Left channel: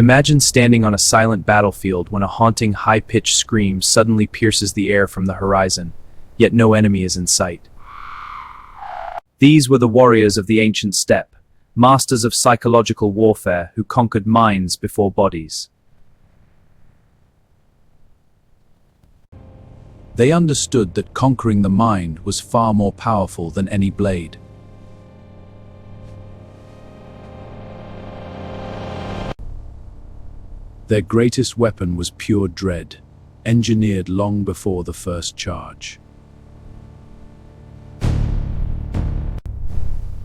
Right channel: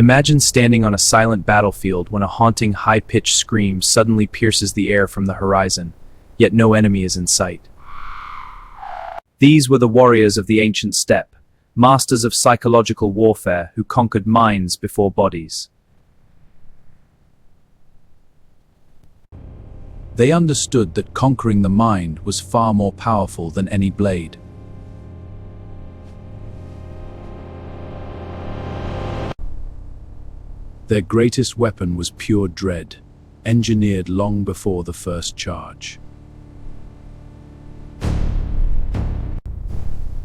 Imagine standing on a silent battlefield when a haunting, high-pitched scream suddenly pierces the air from the horizon, yet no enemy is in sight. These were the warriors of the ancient steppe, masters of psychological warfare who conquered minds before bodies. They understood that conquering the mind was far more powerful than any blade. Their greatest weapon was pure dread, engineered long before the first charge.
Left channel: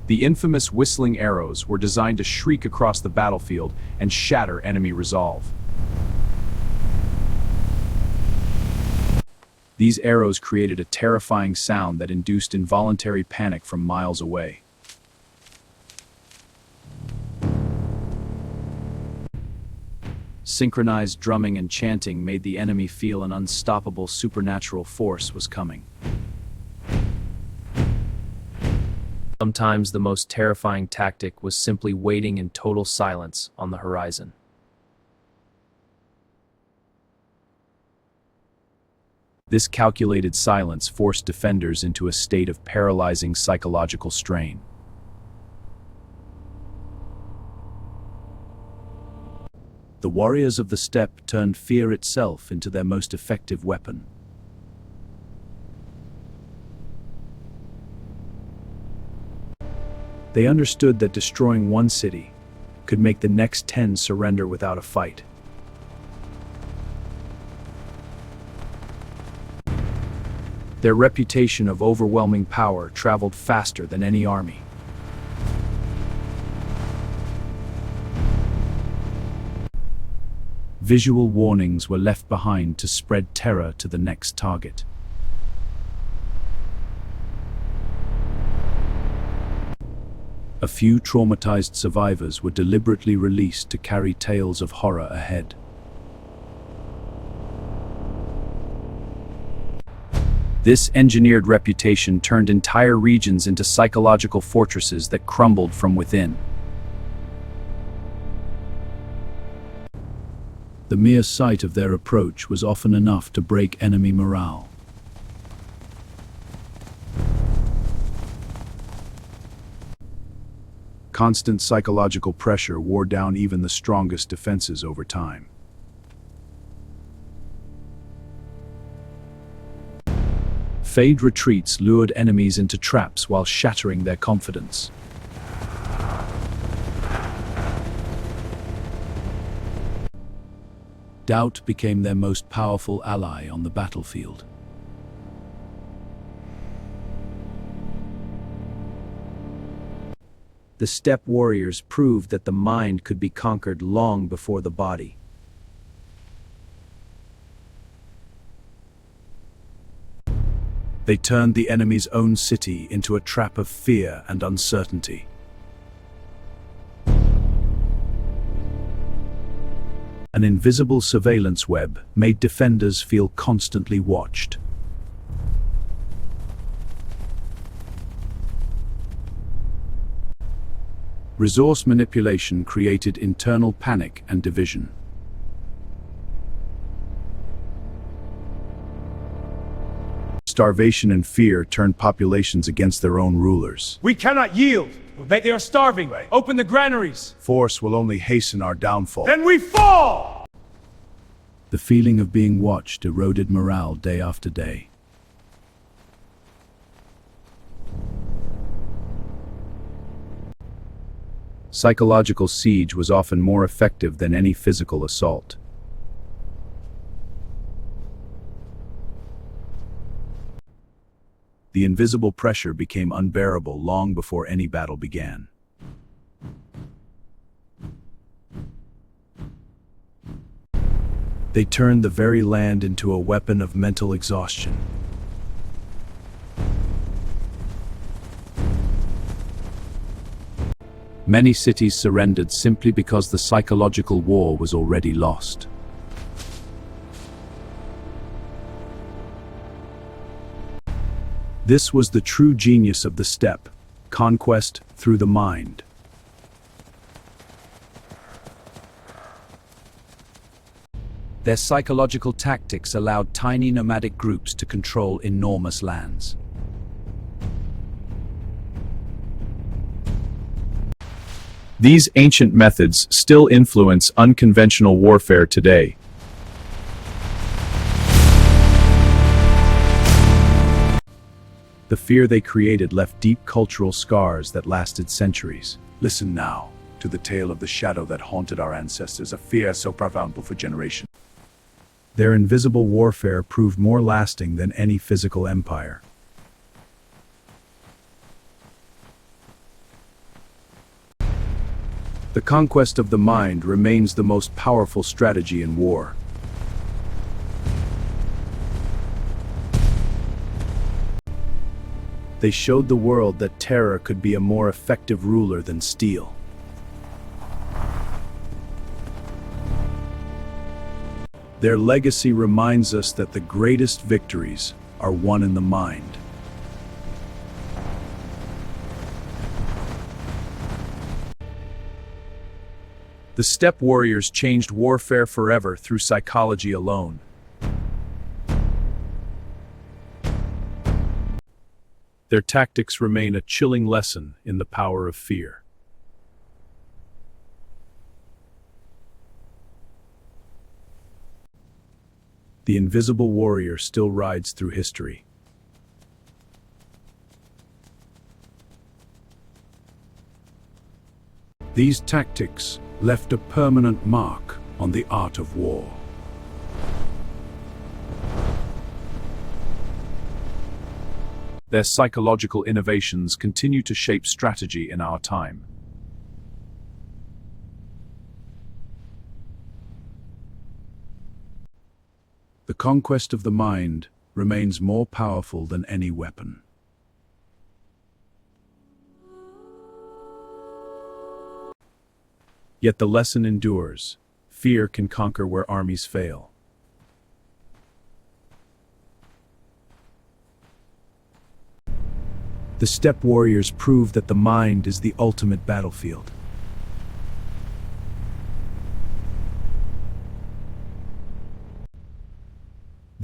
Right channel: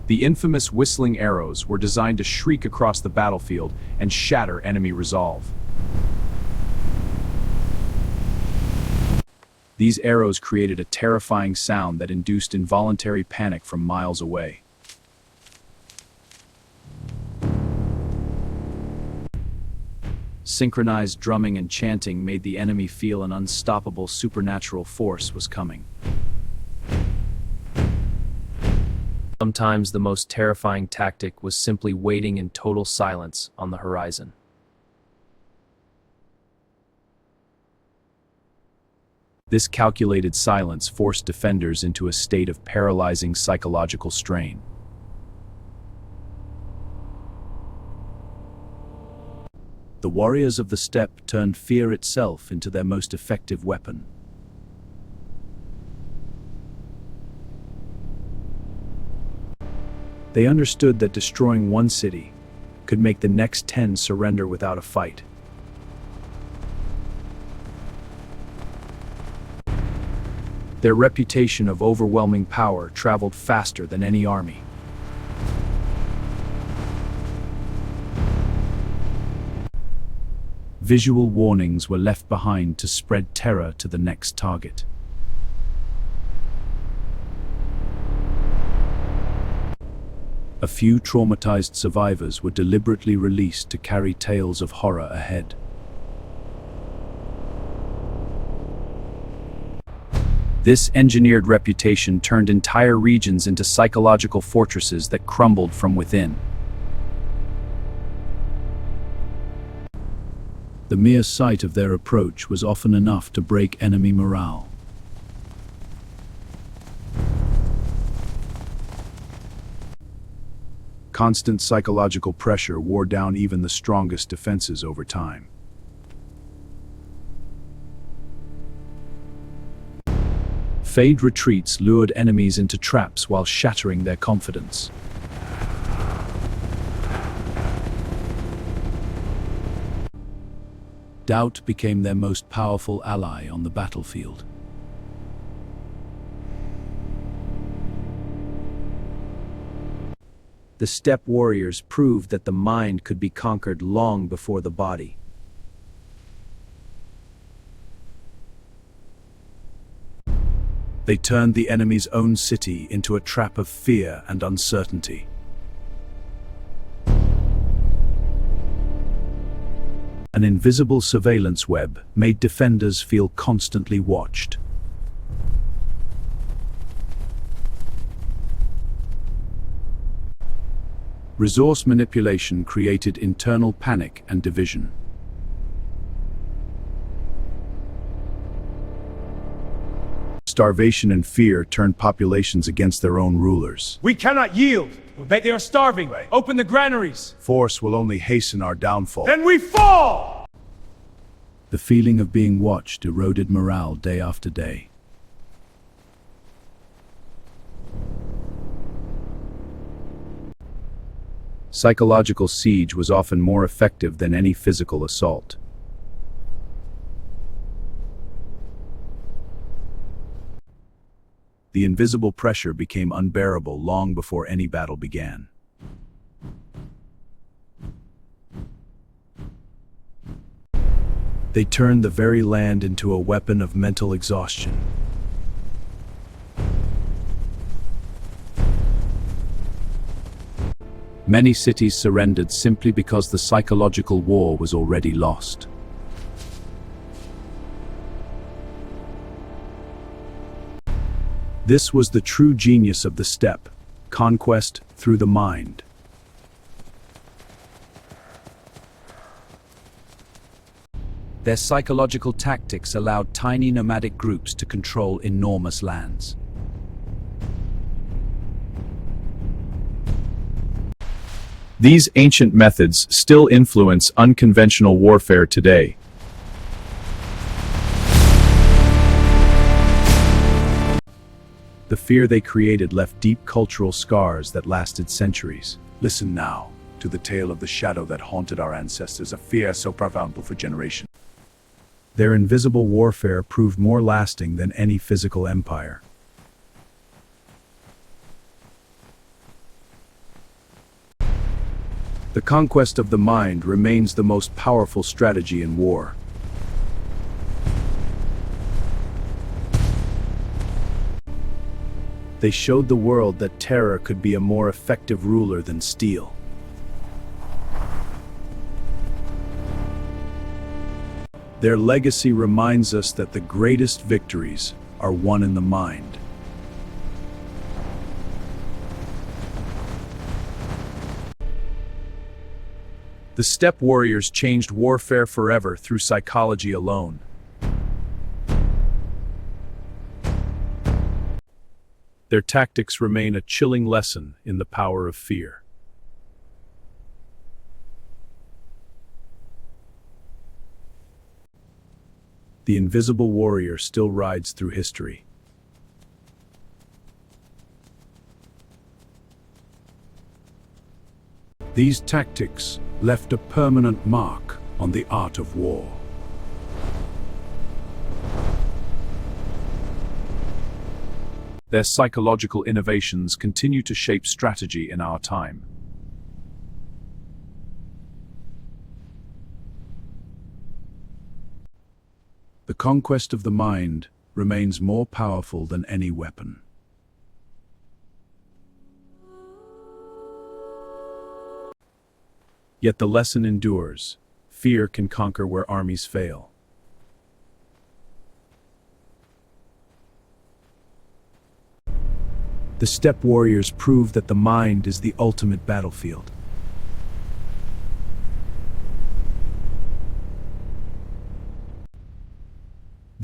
The infamous whistling arrows were designed to shriek across the battlefield and shatter enemy resolve. These arrows created a terrifying sound that induced involuntary panic from miles away. Synchronized drumming and chanting made the enemy feel an unstoppable supernatural force was coming. Sometimes the most terrifying tactic was simply waiting in total silence on the horizon. This calculated silence forced defenders into a state of paralyzing psychological strain. The warriors of the steppe turned fear itself into their most effective weapon. They understood that destroying one city could make the next 10 surrender without a fight. Their reputation of overwhelming power traveled faster than any army. Visual warnings were left behind to spread terror to the next target. A few traumatized survivors were deliberately released to carry tales of horror ahead. This engineered reputation turned entire regions into psychological fortresses that crumbled from within. The mere sight of their approach was often enough to break enemy morale. Constant psychological pressure wore down even the strongest defenses over time. Feigned retreats lured enemies into traps while shattering their confidence. Doubt became their most powerful ally on the battlefield. The steppe warriors proved that the mind could be conquered long before the body. They turned the enemy's own city into a trap of fear and uncertainty. An invisible surveillance web made defenders feel constantly watched. Resource manipulation created internal panic and division. Starvation and fear turned populations against their own rulers. We cannot yield. They are starving. Open the granaries. Force will only hasten our downfall. Then we fall! The feeling of being watched eroded morale day after day. Psychological siege was often more effective than any physical assault. The invisible pressure became unbearable long before any battle began. They turned the very land into a weapon of mental exhaustion. Many cities surrendered simply because the psychological war was already lost. This was the true genius of the steppe, conquest through the mind. Their psychological tactics allowed tiny nomadic groups to control enormous lands. These ancient methods still influence unconventional warfare today. The fear they created left deep cultural scars that lasted centuries. Listen now to the tale of the shadow that haunted our ancestors, a fear so profound for generations. Their invisible warfare proved more lasting than any physical empire. The conquest of the mind remains the most powerful strategy in war. They showed the world that terror could be a more effective ruler than steel. Their legacy reminds us that the greatest victories are won in the mind. The steppe warriors changed warfare forever through psychology alone. Their tactics remain a chilling lesson in the power of fear. The invisible warrior still rides through history. These tactics left a permanent mark on the art of war. Their psychological innovations continue to shape strategy in our time. The conquest of the mind remains more powerful than any weapon. Yet the lesson endures. Fear can conquer where armies fail. The steppe warriors prove that the mind is the ultimate battlefield.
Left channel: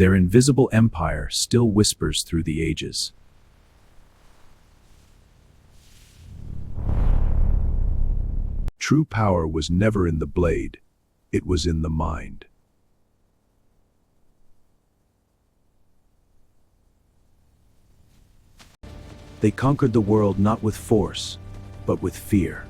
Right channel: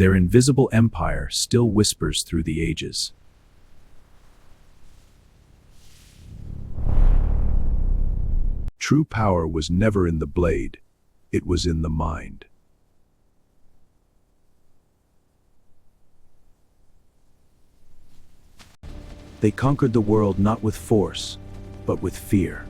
Their invisible empire still whispers through the ages. True power was never in the blade, it was in the mind. They conquered the world not with force, but with fear.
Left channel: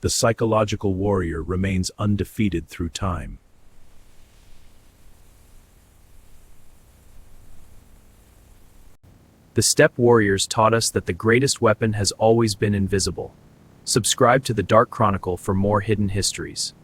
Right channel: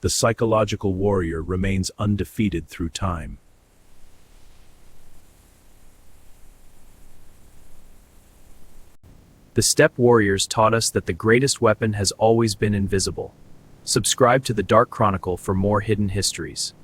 The psychological warrior remains undefeated through time. The steppe warriors taught us that the greatest weapon has always been invisible. Subscribe to the Dark Chronicle for more hidden histories.